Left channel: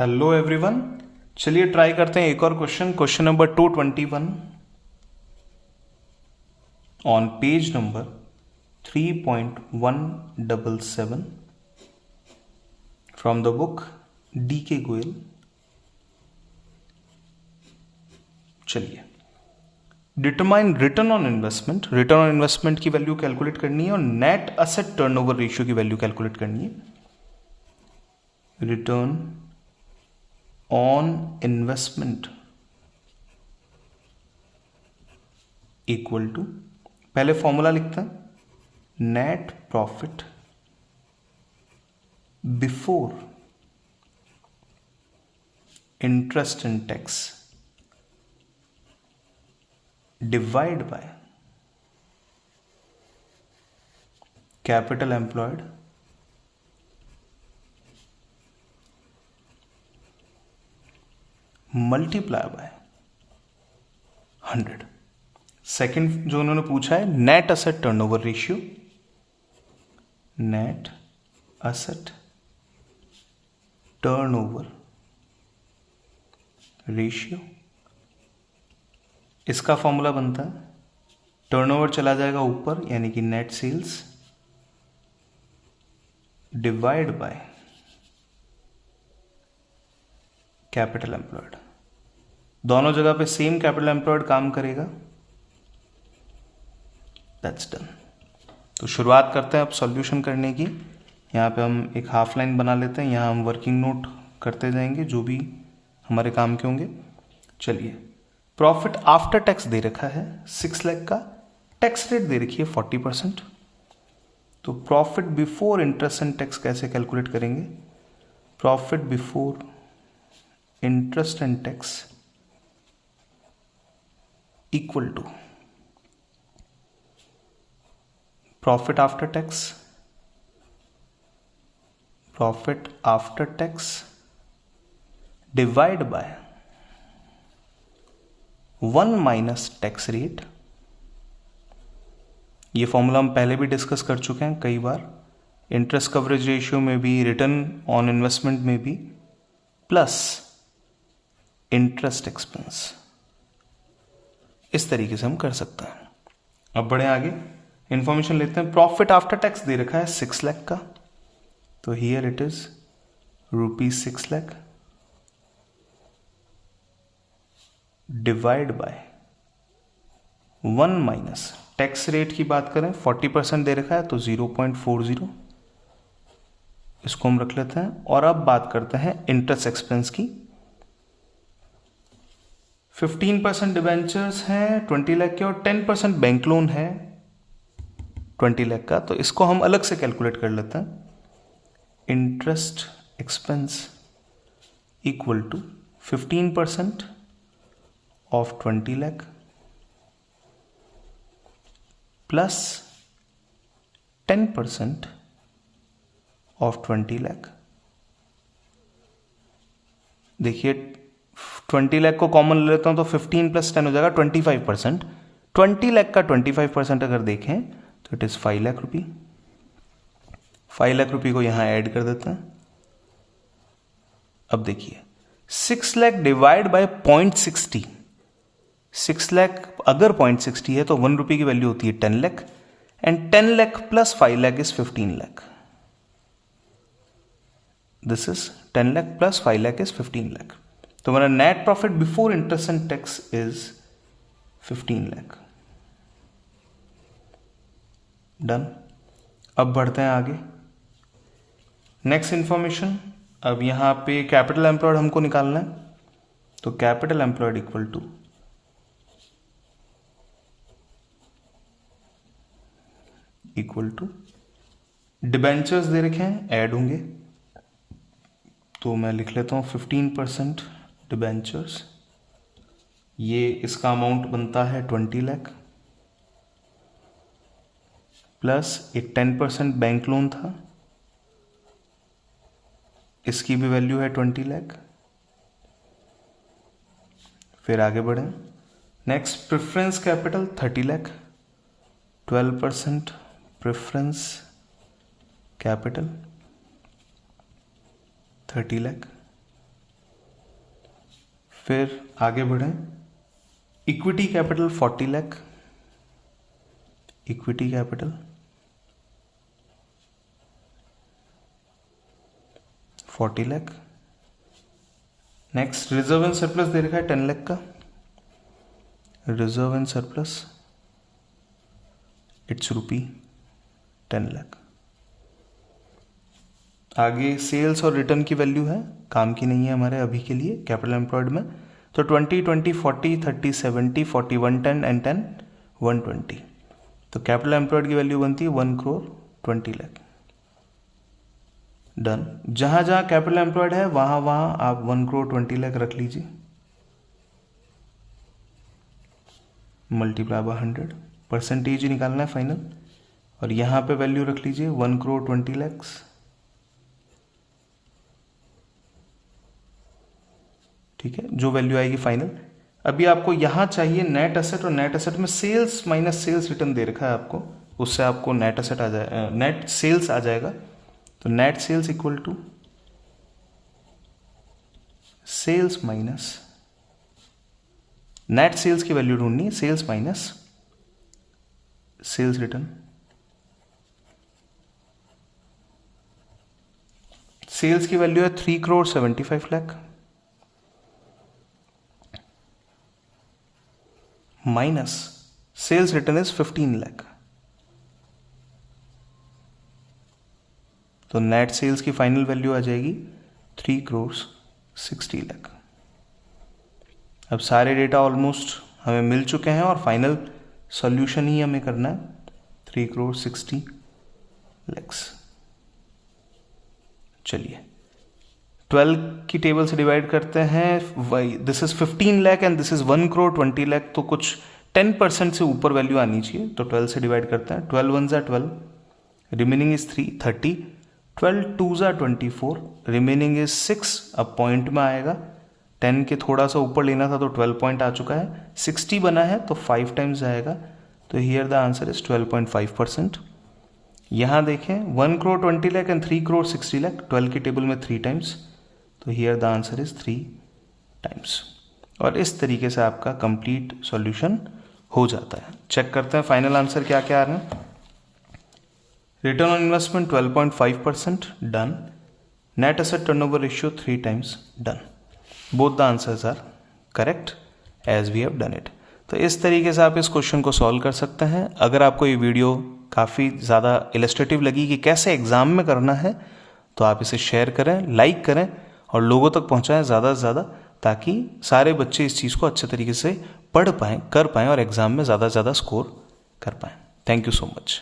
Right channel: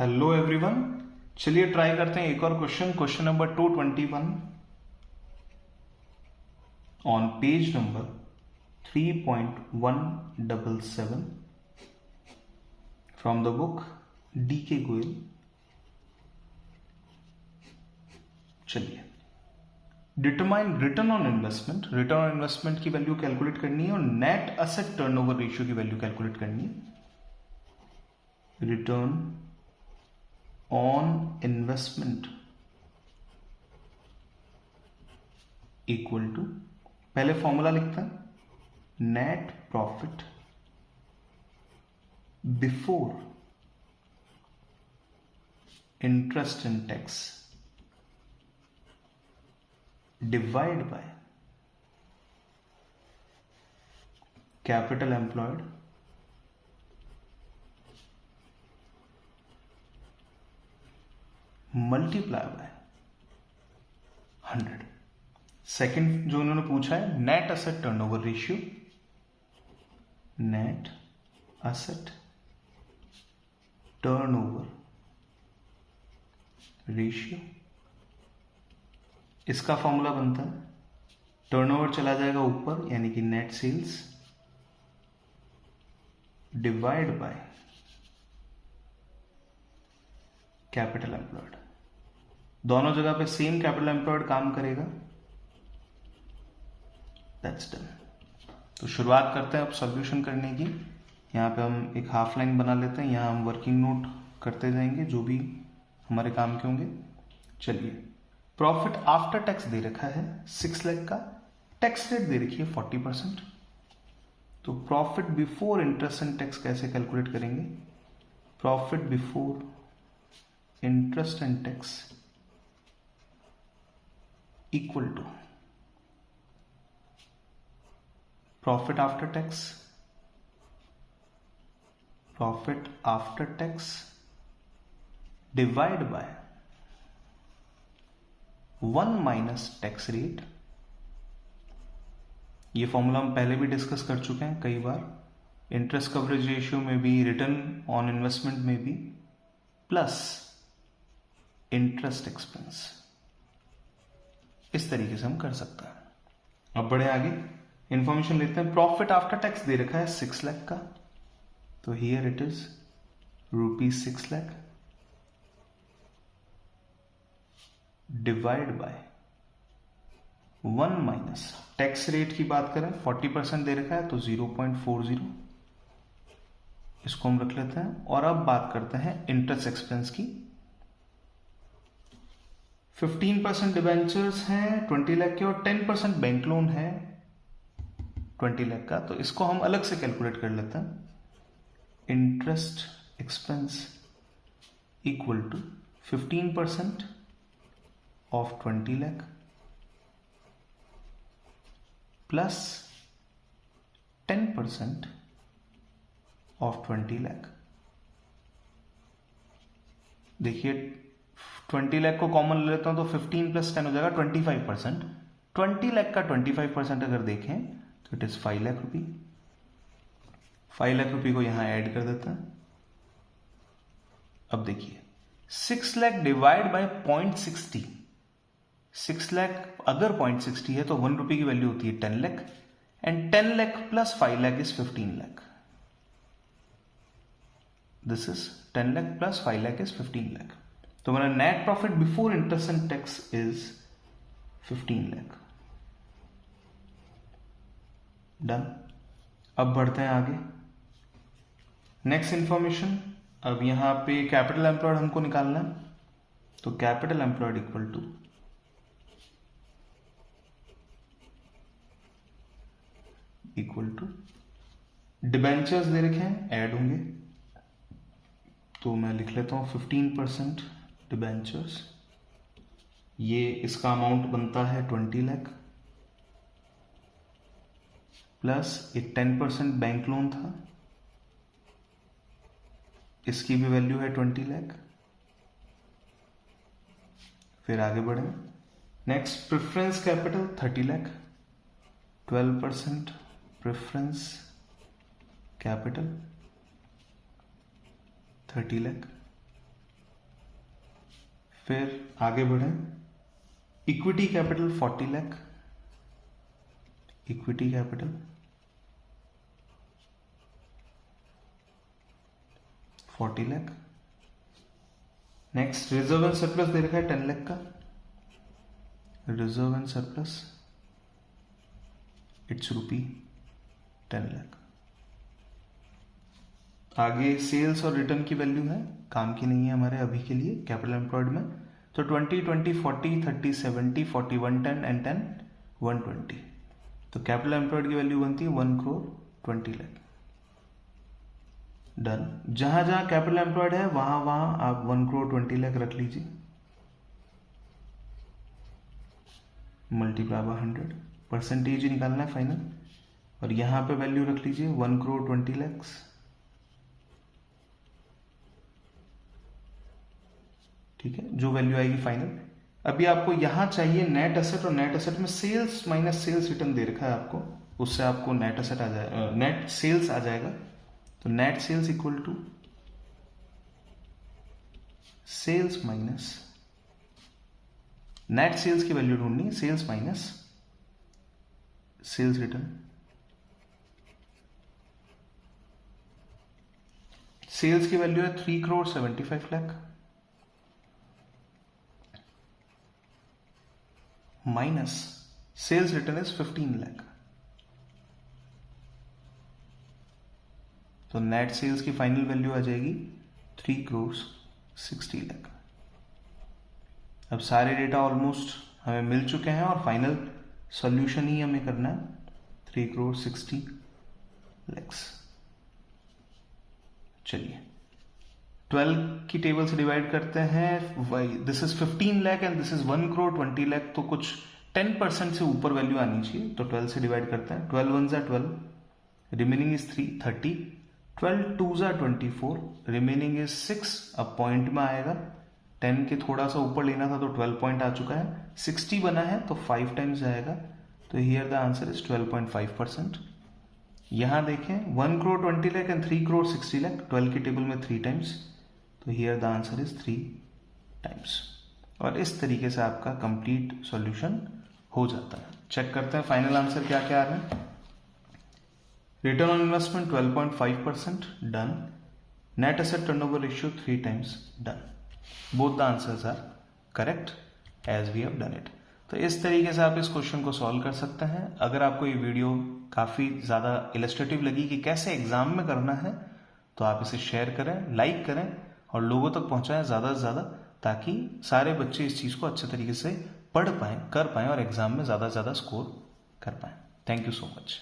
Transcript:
Hello everyone. चलिए try करते हैं एक और question number 221 on page number 3.177 from the book D K Goyal. चलिए, determine return on investment. Return on investment की वैल्यू कैलकुलेट करनी है और नेट असेट टर्नओवर रेशियो की वैल्यू कैलकुलेट करनी है। Return on investment equal to, पहले फॉर्मूला लिखते हैं, net profit before interest and tax divide by capital employed multiply by 100। Second जो उन्होंने पूछा है, net asset turnover ratio. Net asset turnover ratio, इसका फॉर्मूला बनता है, टर्नओवर चला जाएगा ऊपर यानी कि net sales divide by capital employed. दोनों जगह पे सेम कैपिटल एम्प्लॉयड काम करेगा। That's done. तो शुरुआत करते हैं अब सॉल्यूशन करने की। यहाँ पे हम एक हाफ लाइन बना लेते हैं, यहाँ हम वर्किंग नोट करते जाएंगे जो भी हमारे काम के होंगे। चलिए, प्रॉफिट आफ्टर टैक्स दे रखा है 6 लाख का, टैक्स रेट दे रखी है 40%। तो profit before interest and tax कैसे कैलकुलेट करेंगे? Profit before interest and tax equal to profit after tax, profit after tax divide by 1 minus tax rate. ये फॉर्मूला हम पहले भी डिस्कस कर चुके हैं कई बार, इंटरेस्ट कवरेज रेशियो में भी, रिटर्न ऑन इन्वेस्टमेंट में भी, प्लस इंटरेस्ट एक्सपेंस। इस तरीके से हम कर सकते हैं। अब बढ़े आगे, इंफॉर्मेशन लेते हैं। प्रॉफिट आफ्टर टैक्स दे रखा है 6 लाख का, तो here it is ₹6 lakh divide by 1 minus tax rate की बात करें 40% दे रखा है तो 0.40, इसको हम रख लेते हैं। और अब बात करते हैं इंटरेस्ट एक्सपेंस की। 15% डिवेंचर्स हैं 20 लाख के और 10% बैंक लोन है 20 लाख का, तो इसको हम अलग से कैलकुलेट कर लेते हैं। Interest expense equal to 15% of 20 lakh plus 10% of 20 lakh. देखिए, 20 लाख को कॉमन ले लेता हूं तो 15 प्लस 10 हो जाएगा 25%। 20 लाख का 25% अगर देखें तो इट इज 5 लाख रुपये। 5 लाख रुपये को यहां ऐड कर देते हैं। अब देखिए, 6 लाख डिवाइड बाय 0.60। 6 लाख अगर 0.60 है तो 1 रुपये की वैल्यू होती है 10 lakh, and 10 lakh plus 5 lakh is 15 lakh. This is 10 lakh plus 5 lakh is 15 lakh. तो मेरा net profit before interest and tax is 15 lakh. Done. अब बढ़ते हैं आगे। नेक्स्ट इंफॉर्मेशन, अब यहां पे कैपिटल एम्प्लॉयड हमको निकालना है, तो capital employed equal to debentures दे रखे हैं, ऐड होंगे, तो मैं लिख लेता हूं 15% डिबेंचर्स, ये इसका अमाउंट बनता है 20 लाख, प्लस एक 10% बैंक लोन था, इसकी भी वैल्यू है 20 लाख। फिर आगे बढ़े, next preference capital 30 lakh, 12% preference capital 30 lakh. फिर आगे बढ़ें, equity capital 40 lakh, equity capital 40 lakh. Next reserve and surplus दे रखा है 10 लाख का, reserve and surplus it's rupee 10 lakh. आगे सेल्स और रिटर्न की वैल्यू है, काम की नहीं है हमारे अभी के लिए कैपिटल एम्प्लॉयड में, तो 20, 20, 40, 30, 70, 40, 110 एंड 10, 120। तो कैपिटल एम्प्लॉयड की वैल्यू बनती है 1 करोड़ 20 लाख। डन। जहां जहां कैपिटल एम्प्लॉयड है वहां वहां आप 1 करोड़ 20 लाख रख लीजिए, मल्टीप्लाई बाय 100, परसेंटेज निकालना है फाइनल, और यहां पे वैल्यू रख लीजिए 1 करोड़ 20 लाख। ठीक है, जो वैल्यू आएगी फाइनल। अभी आपको यहां चाहिए नेट एसेट, और नेट एसेट में सेल्स माइनस सेल्स रिटर्न दे रखा है आपको, उससे आपको नेट एसेट आ जाए, नेट सेल्स आ जाएगा। तो net sales equal to sales minus, net sales की वैल्यू ढूंढनी है, sales minus sales return. Sales की वैल्यू है 3 crore 75 lakh minus sales return is 15 lakh. तो नेट सेल्स की फाइनल वैल्यू आ जाएगी 3 करोड़ 60 लाख। अब सारे डेटा ऑलमोस्ट हमें मिल चुके हैं और फाइनल सॉल्यूशन ही हमें करना है, 3 करोड़ 60 लाख। चलिए 12 की टेबल से डिवाइड करते हैं, this is 15 lakh and this is 1 crore 20 lakh, तो कुछ 10% से ऊपर वैल्यू आनी चाहिए। तो 12 से डिवाइड करते हैं, 12 1 ज़ा 12, रिमेनिंग इज 3 30, 12 2 ज़ा 24, रिमेनिंग इज 6। अब पॉइंट में आएगा, 10 के थोड़ा सा ऊपर लेना था तो 12 पॉइंट आ चुका है, 60 बना है तो 5 टाइम्स आएगा, तो हियर द आंसर इज 12.5%। यहां देखें 1 करोड़ 20 लाख एंड 3 करोड़ 60 लाख, 12 की टेबल में 3 टाइम्स, तो here the answer is 3 times. और इस तरीके से आपका कंप्लीट सॉल्यूशन हो जाता है। चेक करते हैं फाइनल आंसर क्या क्या आ रहे हैं। Return on investment 12.5%, done. Net asset turnover ratio 3 times, done. Both the answers are correct as we have done it. तो इस तरीके से आप इस क्वेश्चन को सॉल्व कर सकते हैं। अगर आपको ये वीडियो काफ़ी ज़्यादा इलस्ट्रेटिव लगी कि कैसे एग्जाम में करना है, तो आप इसे शेयर करें, लाइक करें और लोगों तक पहुंचाएं ज़्यादा से ज़्यादा, ताकि सारे बच्चे इस चीज़ को अच्छे तरीके से पढ़ पाएँ, कर पाएँ और एग्ज़ाम में ज़्यादा से ज़्यादा स्कोर कर पाएँ। Thank you so much.